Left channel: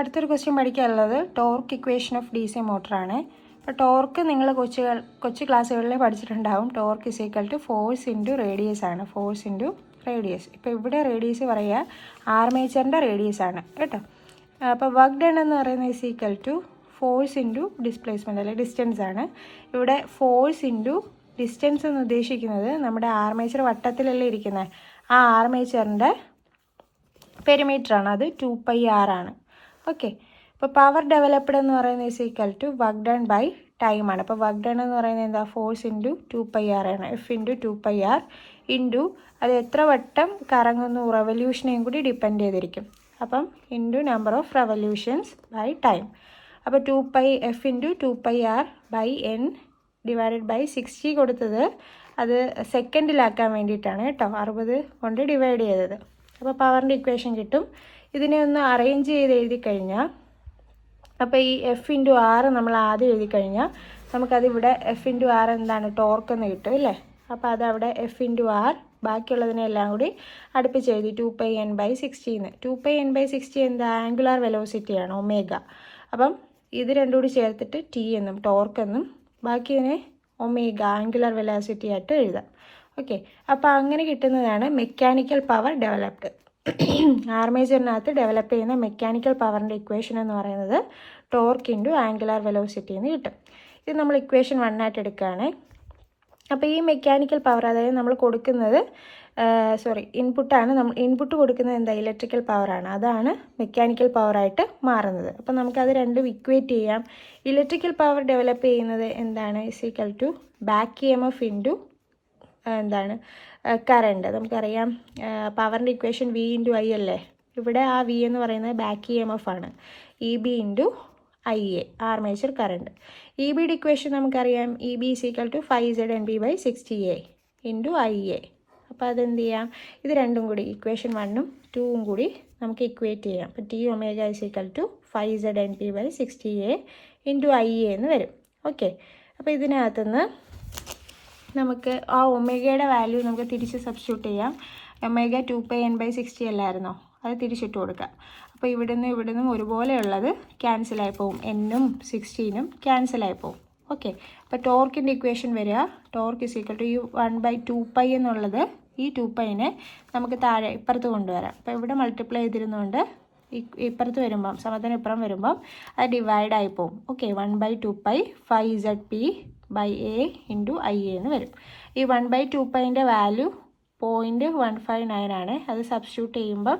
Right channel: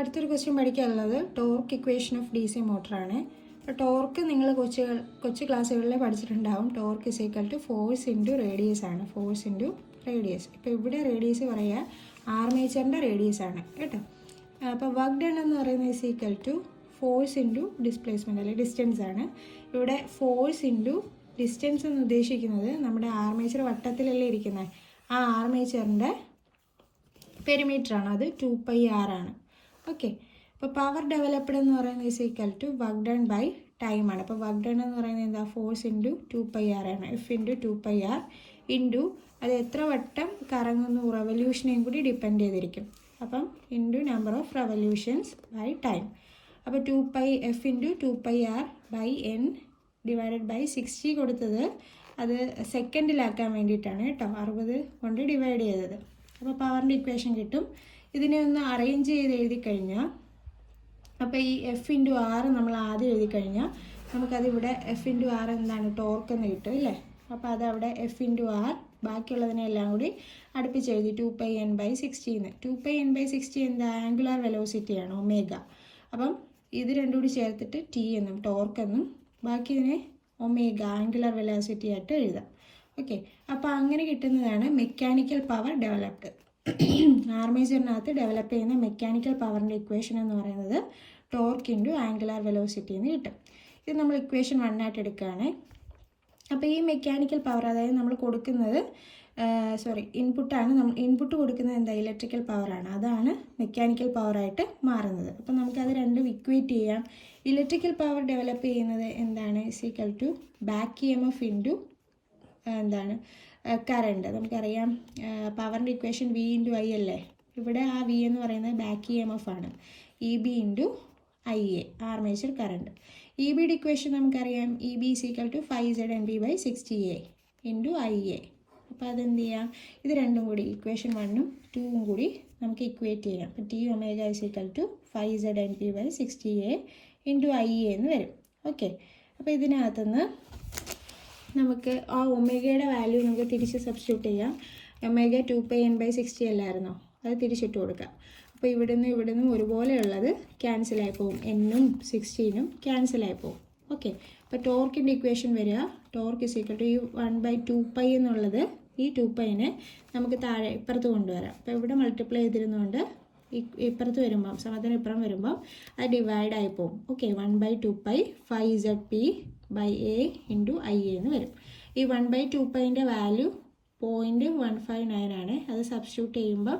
അടുത്തൊരു ക്വസ്റ്റ്യൻ പഠിക്കാനുള്ളത് torque equation of DC മോട്ടറാണ്. അപ്പോൾ ടോർക്ക് നിങ്ങൾ കൊച്ചു ക്ലാസ്സുകളിൽ പഠിച്ചിട്ടുണ്ടാവും. Torque is equal to force into radius ആണ്. Force into radius. ഇപ്പോൾ ഇവിടെ റേഡിയസ് പറയുക ആർമേച്ചറിൻ്റെ റേഡിയസ് ആണ് കേട്ടോ. അപ്പോൾ വർക്ക് ഡൺ എന്ന് പറയുന്നത് is equal to force into displacement അല്ലെങ്കിൽ ഡിസ്റ്റൻസ് ആണ്. ഇവിടെ ഫോഴ്സ് ഇൻറ്റു ഡിസ്റ്റൻസ് എന്ന് ഉദ്ദേശിക്കുന്നത് നമ്മുടെ ആർമേച്ചർ വട്ടത്തിലല്ലേ ഇരിക്കുന്നത്, ആ ആർമേച്ചറിൻ്റെ പെരിമീറ്ററാണ്. അത് 2πr ആണ്. ഓക്കെ. അപ്പോൾ പവർ ഡെവലപ്ഡ് എന്ന് പറയുന്നത് is equal to work done by time ആണ്. അപ്പോൾ വർക്ക് ഡൺ എന്ന് പറയുന്നത് എന്താ, ഫോഴ്സ് ഇൻറ്റു 2πr ആണ്. F ഇൻറ്റു 2πr ഇൻറ്റു അത് എത്ര വട്ടം കറങ്ങുന്നു, റെവല്യൂഷനെയും കൂടി ഡിപ്പെൻഡ് ചെയ്തിരിക്കും. അപ്പം into number of revolutions by time. അപ്പോൾ F into 2πr by n divided by 60 കൊടുത്തത് അത് സെക്കൻഡിലാക്കാൻ വേണ്ടിയിട്ടാണ് കേട്ടോ, 60 കൊണ്ട് ഡിവൈഡ് ചെയ്തത്. അപ്പോൾ പവറിൻ്റെ ഇക്വേഷൻ കിട്ടും. ഇതിനെ ഒന്ന് അറേഞ്ച് ചെയ്ത് എഴുതി കഴിഞ്ഞാൽ, അപ്പോൾ ഈ F ഇൻറ്റു R നമ്മൾ ആദ്യം എഴുതി കഴിഞ്ഞാൽ നമുക്കതിവിടെ F ഇൻറ്റു R എന്താണ്, ടോർക്ക് എന്ന് കിട്ടും അല്ലേ. അപ്പോൾ അതവിടെ F ഇൻറ്റു R ബാക്കിയുള്ളതിനെല്ലാം കൂടി അടുപ്പിച്ച് എഴുതി 2πn/60. 2πn/60 എന്താ, ആംഗുലാർ വെലോസിറ്റിയാണ്, ഒമേഗ. അപ്പം ഇത് രണ്ടും കൂടി ചേർത്തിട്ട് T എന്നും ടോർക്ക് എന്നും ബാക്കിയതിനെ ഒമേഗ ആംഗുലാർ വെലോസിറ്റി ആയിട്ട് എഴുതാം. ഓക്കെ. അപ്പോൾ അങ്ങനെ കിട്ടുന്നതാണ് മെക്കാനിക്കൽ പവർ ഡെവലപ്ഡ്. ആർമേച്ചറിനകത്ത് ഡെവലപ്പ് ചെയ്യുന്ന മെക്കാനിക്കൽ പവറിൻ്റെ ഇക്വേഷൻ എന്ന് പറയുന്നത് ടോർക്ക് ഇൻറ്റു ആംഗുലാർ വെലോസിറ്റി എന്ന് കിട്ടും. ഇത് നമ്മൾ ഇക്വേഷൻ 1 ആയിട്ട് എടുക്കുകയാണ്. അപ്പോൾ ഈ മെക്കാനിക്കൽ പവർ, അതായത് നമ്മൾ കൊടുക്കുന്നത് ഇൻപുട്ടാണ്. നമ്മൾ ഇൻപുട്ട് കൊടുക്കുന്നത് എന്താ, ഇലക്ട്രിക്കൽ പവറാണ്. അതാണ് മെക്കാനിക്കൽ പവറായിട്ട് മാറുന്നത്. അപ്പോൾ നമുക്കത് രണ്ടും ഇക്വേറ്റ് ചെയ്യാം. ഇലക്ട്രിക്കൽ പവർ ഡെവലപ്പ് ചെയ്യുന്നത് എന്താണ്, is equal to back EMF into എന്താണ്, കറണ്ട്. നമുക്കറിയാം പവറിൻ്റെ ഇക്വേഷൻ V ഇൻറ്റു I അല്ലേ. ഇവിടെ ആ V എന്ന് പറയുന്നത് ബാക്ക് EMF ആണ്. EB into IA armature current. EBയുടെ ഇക്വേഷൻ നമുക്കറിയാം, EB is equal to 5ZNB/60A into IA. അപ്പോൾ അതെന്ത് ചെയ്യാം, ഇത് രണ്ടും കൂടി ഇക്വേഷൻ 1ഉം 2ഉം കൂടി നമുക്ക് ഇക്വേറ്റ് ചെയ്യാം. അപ്പോൾ T omega is equal to 5ZNB/60A into IA എന്ന് വരും. ഓക്കെ. അപ്പോൾ ഇതിനകത്തുനിന്ന് നമുക്ക് ആ ഒമേഗയുടെ വാല്യൂ നമുക്ക് തിരിച്ച് സബ്സ്റ്റിറ്റ്യൂട്ട് ചെയ്യാം. ഒമേഗ 2πn/60 അല്ലായിരുന്നോ, അത് തിരിച്ചിട്ട് കൊടുക്കാം. അപ്പോൾ ഇവിടുന്നും ഒരുപോലെയുള്ളത് ക്യാൻസലായി പോകും. Nഉം 16ഉം ക്യാൻസലായി പോകും. ഓക്കെ. അപ്പോൾ ടോർക്കിൻ്റെ ഇക്വേഷൻ വരിക, ടോർക്ക് ഇസ് ഈക്വൽ ടു ഈ 1/2π എന്നുള്ളത്, ഈ 2πനെ നമുക്ക് താഴെ ഇപ്പുറത്ത് കൊണ്ടുവരാം. അപ്പോൾ ഇവിടെ മൾട്ടിപ്ലൈ ചെയ്തിരുന്നുകൊണ്ട് ഇപ്പുറത്ത് വരുമ്പം, സമത്തിന് ഇപ്പുറം വരുമ്പം അത് ഡിവൈഡ് ആയി പോകും. ഓക്കെ. 1/2π 5ZP/A ഇൻറ്റു IA എന്ന് വരും. ഈ 1/2πൻ്റെ വാല്യൂ 0.159 ആണ്. അത് സബ്സ്റ്റിറ്റ്യൂട്ട് ചെയ്യുമ്പം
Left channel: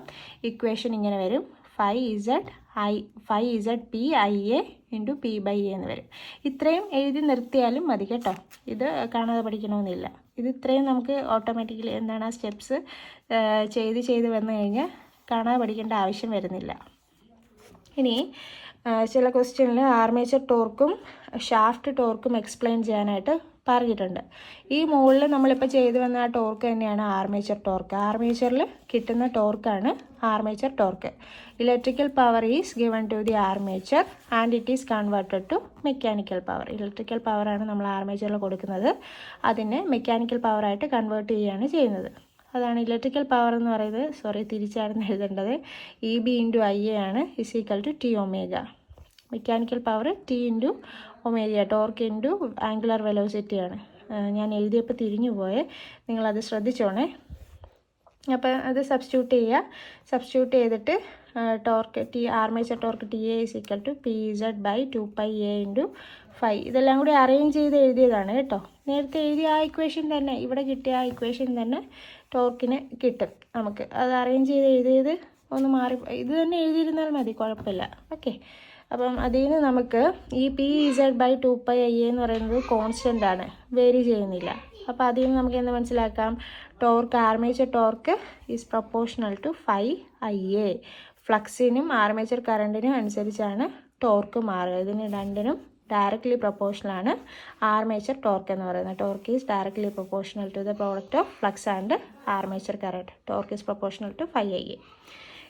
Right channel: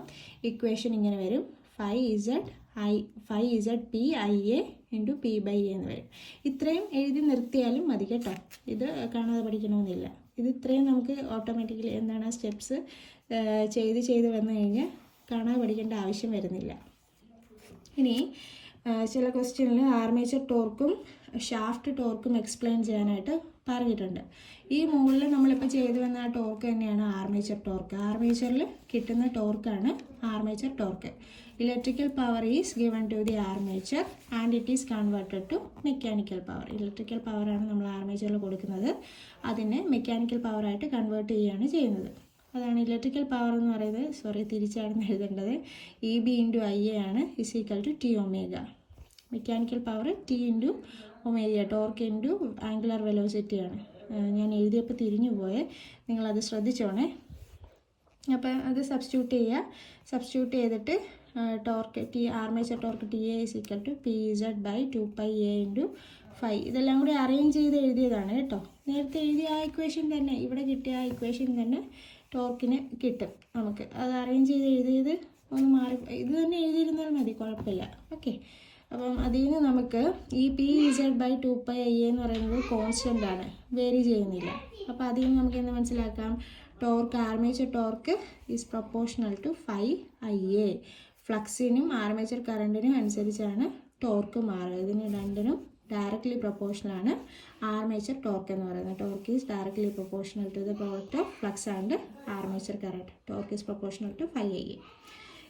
ഇക്വേഷൻ ഇങ്ങനെ വരും, 5ZPIA ഇൻറ്റു P/A എന്ന് വരും. ഇത്രയും എഴുതി നിർത്തിയാലും മതി കേട്ടോ, ഇത് കാണാതെ പഠിക്കണമെന്നില്ല. ഇത് ഇത്രയും നമുക്ക് ഓട്ടോമാറ്റിക്കലി എന്താണ്, ആ സ്റ്റെപ്സ് ചെയ്ത് വന്നു കഴിഞ്ഞാൽ കാണാതെ പഠിക്കേണ്ട ആവശ്യം വരുന്നില്ല. ഇനി ചില ക്വസ്റ്റ്യനിൽ ആർമേച്ചർ ടോർക്കും ഷാഫ്റ്റ് ടോർക്കും എക്സ്പ്ലെയിൻ ചെയ്യാനായിട്ട് പറഞ്ഞിട്ടുണ്ട്. ഈ മുകളിൽ നമ്മളിപ്പോൾ ചെയ്തു വന്ന ആ ടോർക്ക് തന്നെയാണ് ആർമേച്ചർ ടോർക്ക്. ആർമേച്ചറിൽ കിട്ടുന്ന ടോർക്കാണ് armature torque. Electrical power is given to the armature and it is converted to mechanical power. Electrical പവറാണ് നമ്മൾ ആർമേച്ചറിൽ കൊടുക്കുന്നത്, അതിനെ മെക്കാനിക്കൽ പവറായിട്ട് കൺവേർട്ട് ചെയ്യുകയാണ് ചെയ്യുന്നത്. അതാണ് ഇലക്ട്രിക്കൽ പവർ എന്ന് പറയുന്നത്. തിരിച്ചാണ് എഴുതേണ്ടത്. EB ഇൻറ്റു IA ആണ്, is equal to T omega. Mechanical power T into omega, torque into angular വെലോസിറ്റിയാണ്. ഞാൻ എഴുതിയപ്പോൾ തിരിഞ്ഞു പോയേ, നിങ്ങളത് ശ്രദ്ധിച്ചോണേ. അപ്പോൾ അത് സബ്സ്റ്റിറ്റ്യൂട്ട് ചെയ്തിട്ട് torque armature torque TA is equal to PZ/2πA into 5. ഇതെല്ലാം കൂടി അറേഞ്ച് ചെയ്ത് എഴുതിയതാണ് കേട്ടോ. നേരത്തെ എഴുതിയ ആ ഇക്വേഷൻ തന്നെ, ഇവിടെ കിട്ടിയ ആ ഇക്വേഷൻ തന്നെ ടോർക്കിന് കിട്ടും നമുക്ക്. അത് അറേഞ്ച് ചെയ്ത് എഴുതിയത് ഒന്ന് മാറി, ഇത് തന്നെ എഴുതിയിരുന്നാൽ മതി, കുഴപ്പമില്ല. ഓക്കെ. അപ്പം അതിൽ നിന്ന് നമുക്ക് ഈ PZ/2πA എന്ന് പറയുന്നത് കോൺസ്റ്റൻ്റ് ആണ്, വേരി ചെയ്യുന്നില്ല. അപ്പോൾ അതിൽ നിന്ന് നമുക്ക് എന്ത് മനസ്സിലാക്കാം, torque armature torque is proportional to 5IA. ഫ്ലക്സിനും ആർമേച്ചർ കറണ്ടിനും അനുസരിച്ചാണ് ടോർക്ക് മാറുക. ഇതിന് രണ്ടിനും ഡയറക്റ്റ്ലി പ്രൊപ്പോർഷണലാണ് ആർമേച്ചർ ടോർക്ക് എന്ന് പറയുന്നത്. Torque is directly proportional to the product of flux and armature current. Torque is proportional to 5IA.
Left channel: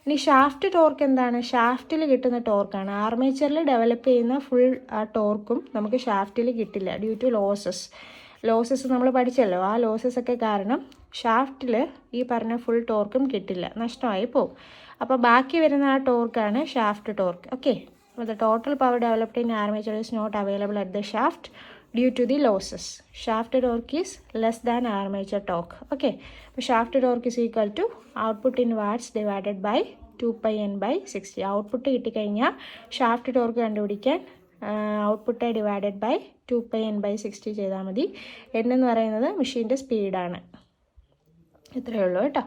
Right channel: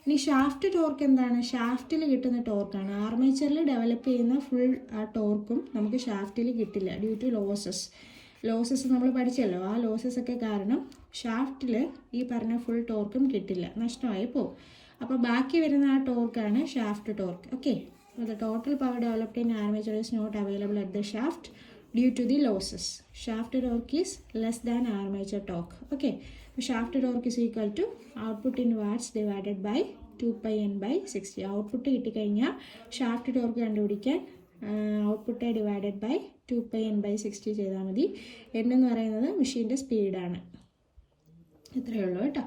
ഇനി ഷാഫ്റ്റ് ടോർക്ക് എന്താണ്, ഷാഫ്റ്റിൽ കിട്ടുന്ന ടോർക്കാണ്. ആർമേച്ചറിൽ ഡെവലപ്പ് ചെയ്യുന്ന ഫുൾ ആ ടോർക്കും നമുക്ക് ഷാഫ്റ്റിൽ കിട്ടില്ല, ഡ്യൂ ടു ലോസസ് നമ്മൾ പഠിച്ചല്ലോ. ആ ലോസസ് ഒക്കെ കാരണം ഷാഫ്റ്റിൽ ഈ പറഞ്ഞ ഫുൾ ടോർക്കും കിട്ടില്ല, നഷ്ടമായി പോകും. അപ്പോൾ ബാക്കി വരുന്ന ആ ടോർക്കാണ് ഷാഫ്റ്റ് ടോർക്ക്. ഓക്കെ, അപ്പോൾ the total power developed in armature is not available at the shaft due to the losses. Shaft torque is less than armature torque. Okay, അപ്പോൾ shaft torque is equal to output in watts divided by 2πn/60. Output കിട്ടിക്കഴിഞ്ഞാൽ shaft torque കണ്ടുപിടിക്കാൻ output divided by 2πn/60 ചെയ്താൽ മതി. n എന്ന് പറയുന്നത് മെഷീൻ്റെ സ്പീഡാണ്. ഇത്രയേ ഉള്ളൂ കേട്ടോ.